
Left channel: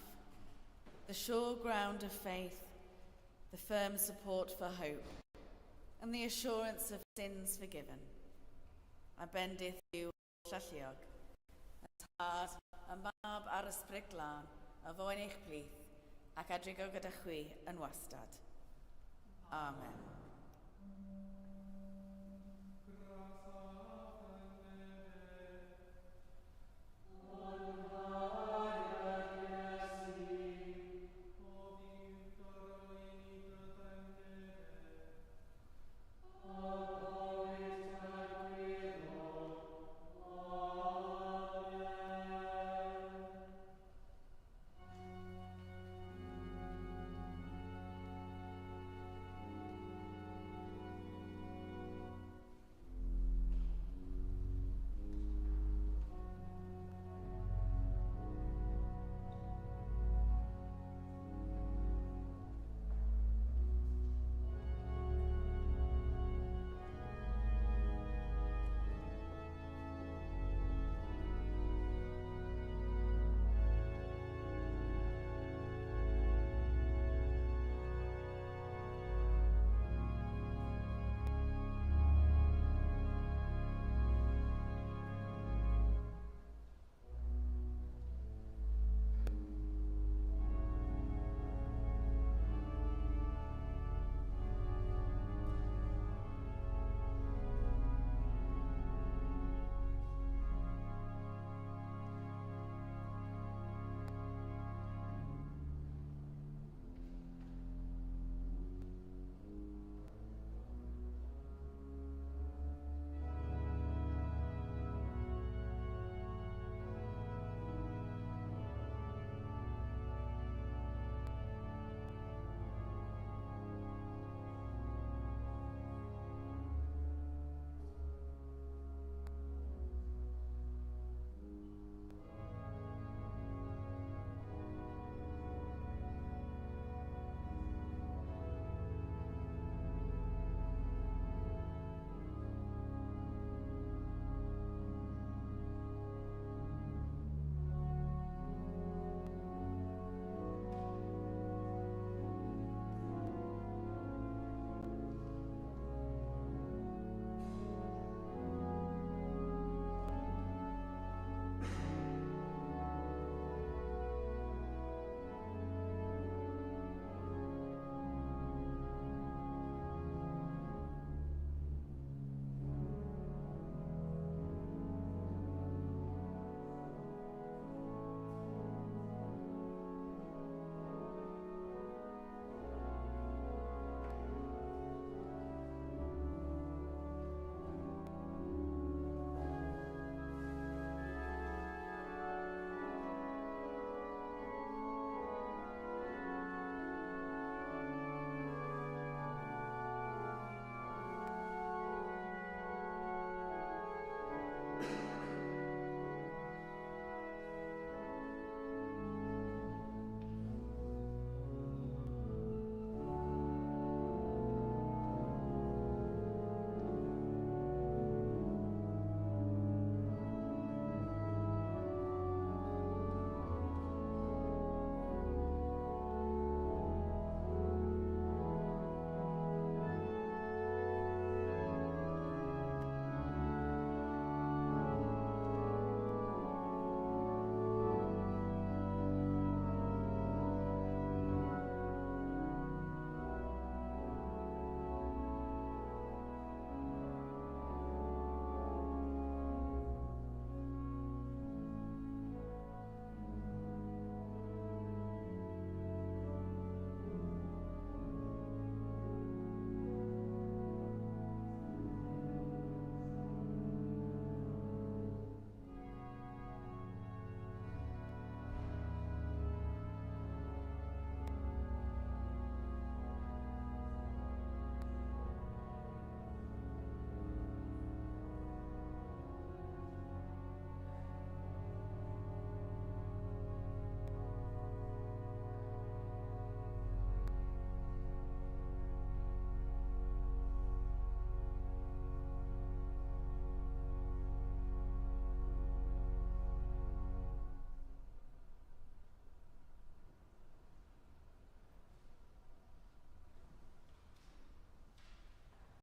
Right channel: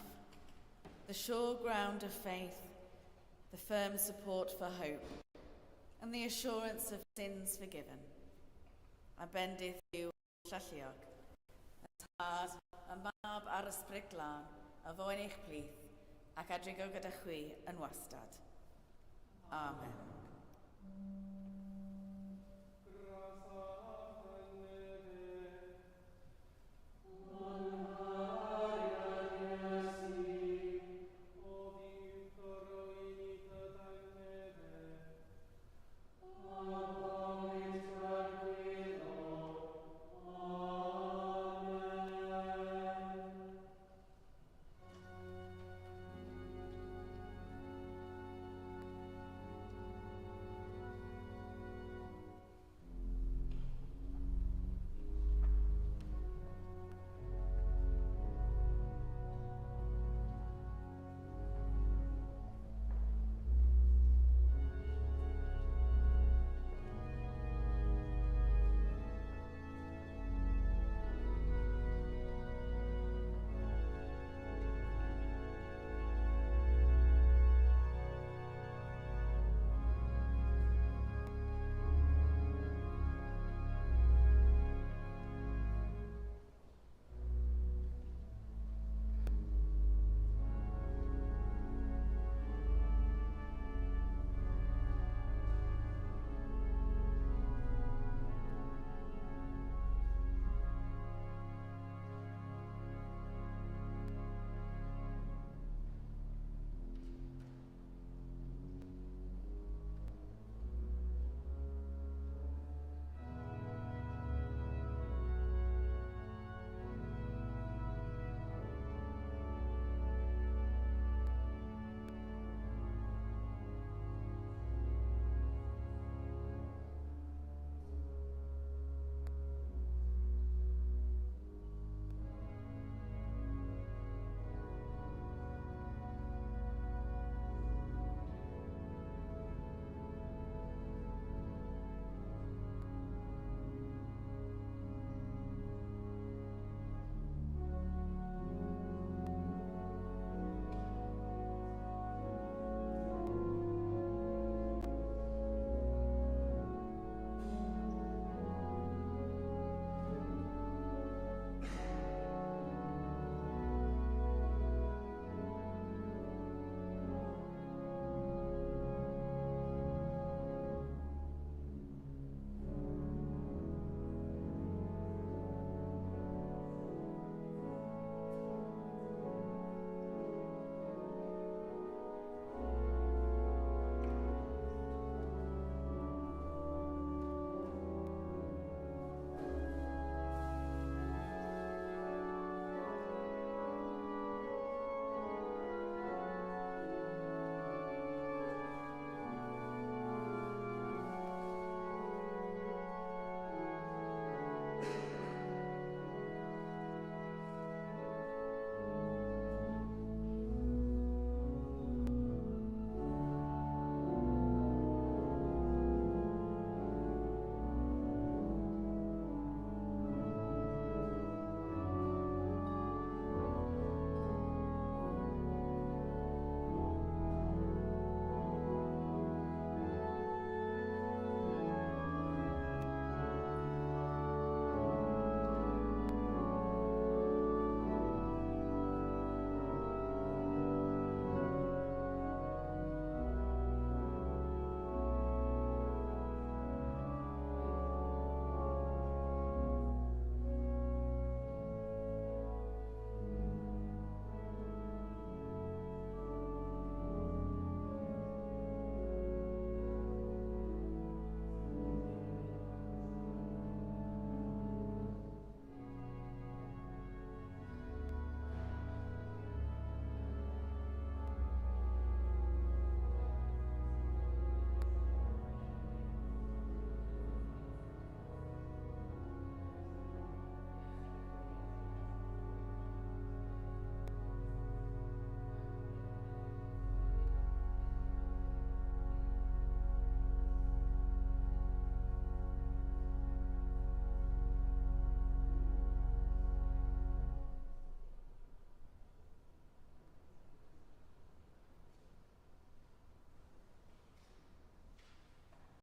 the sure ground of faith, the firm support for hope, and the assurance of sins forgiven. A bendith yw llalliog, y tad y mab ar ysbryd glân, a foen eich plith, ac adrigo gyda chwi yn wastad. Amen. Amen.